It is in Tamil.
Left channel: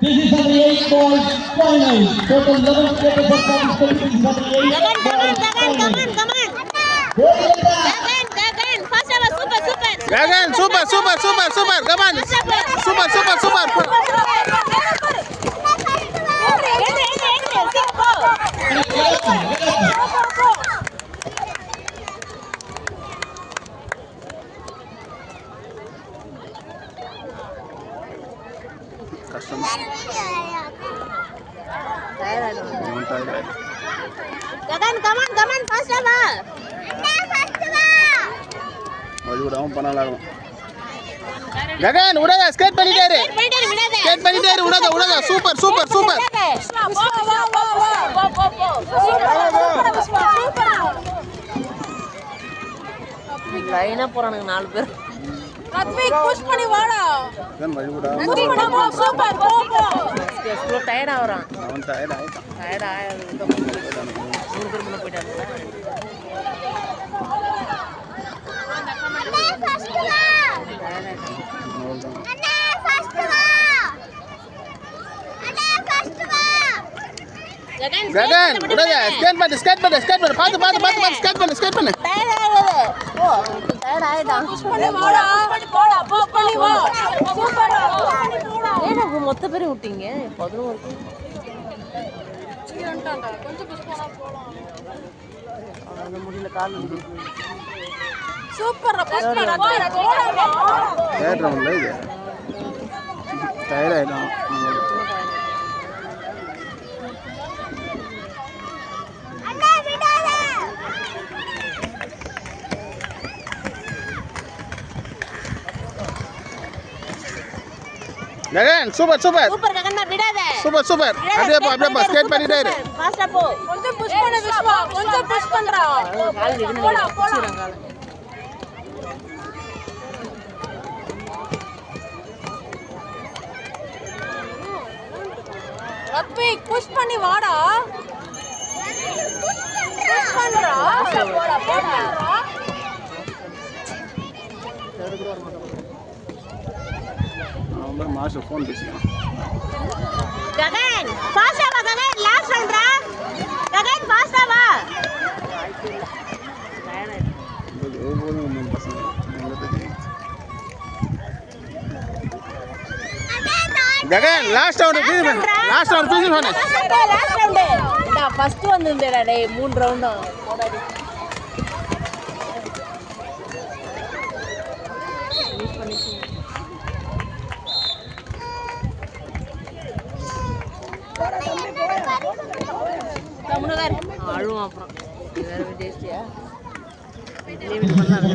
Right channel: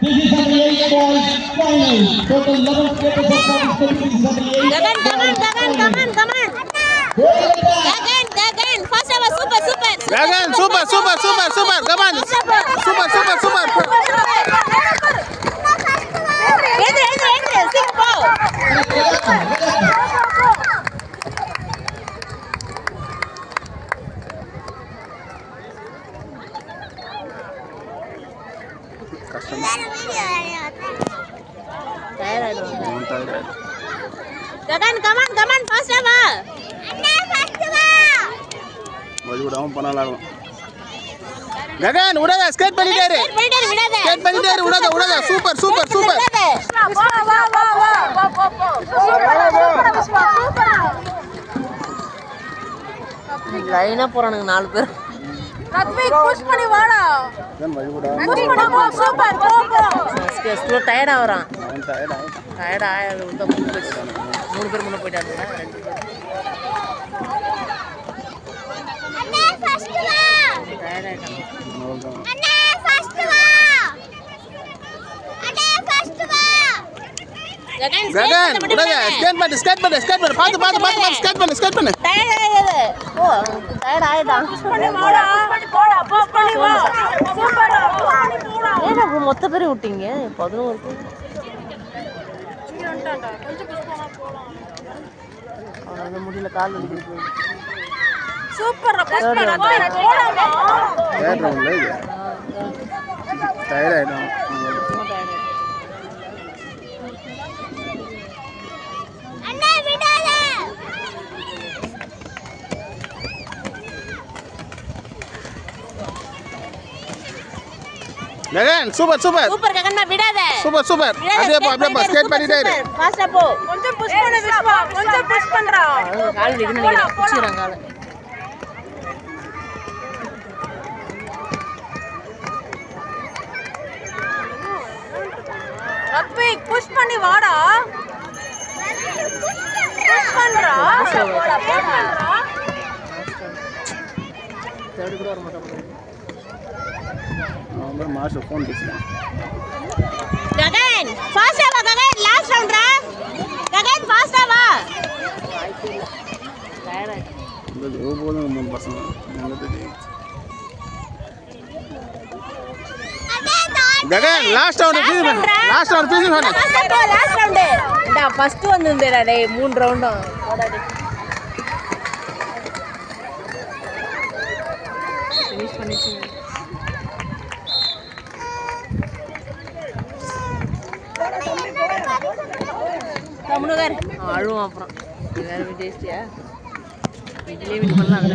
Gagan, super. Come on. Super. Customer. Gagan, come on, first ever. வழிவிடாம பண்ணலாம். ககன் உடாத ஸ்கேட் பண்ணிட்டாரு. உடாத சூப்பர். லைனா போறானுங்க 4 பேர். ரத்விக் புஷ் பண்ணி வாடா. ககன் வழிவிடா. சூப்பர் போ. ஸ்கூ டயர்ட் ஆவறான். அவன் டயர்ட் ஆயிட்டான். டயர்ட் ஆயிடு 3 பேர் முன்ன போய்ட்டாங்க. ககன் உடாத ஸ்கேட் பண்ணு. பாத்து ஸ்கேட் பண்ணு. டயர்ட் ஆயிடுதா. புஷ் பண்ணி வாடா. போடா. வா. சூப்பர். ஏன்னா மொத்த பேரை விட்டீங்க 11 பேர். நீ வந்துட்டான்டா. கொஞ்சம் புஷ் பண்ணா போலாம். அவன முடியல கால் இருக்கு. சூப்பர் புஷ் பண்ணு. போடா. டயர்ட் ரவுண்ட்ல இது. டயர்ட் ஆயிடும். ககன் சூப்பர் ககன் விடாத சூப்பர் அப்படியே போ ஸ்கேட் பண்ணிட்டே இரு ஃபாஸ்டா போ கொஞ்சம் புஷ் பண்ணு விஸ்வா கொஞ்சம் புஷ் பண்றா கால் விடுங்க புடிச்சறாங்க கால் ரப்பி புஷ் பண்ணி வாடா புஷ் பண்றா அவன் மாஸ்டர் ஃபோன் பேசுறான் ககன் ஃபாஸ்டா வா ககன் லாஸ்ட் ரவுண்ட் ரா ககன் ஃபாஸ்டா வா இது போதும் மூணு பசங்க நல்லது ககன் லாஸ்ட் ரவுண்ட் ஃபினிஷ் பண்ணு லாஸ்ட் ரவுண்ட் டா ஃபர்ஸ்ட் வந்திருந்தேடா டேய் 3 ரவுண்டும் போடா டேய் ஃபினிஷ் பண்ணிச்சு தம்முனவர் அழுவும் அப்புறம் வேற டேஸ்டியா இதுலயே விட்டு பண்ணலாம்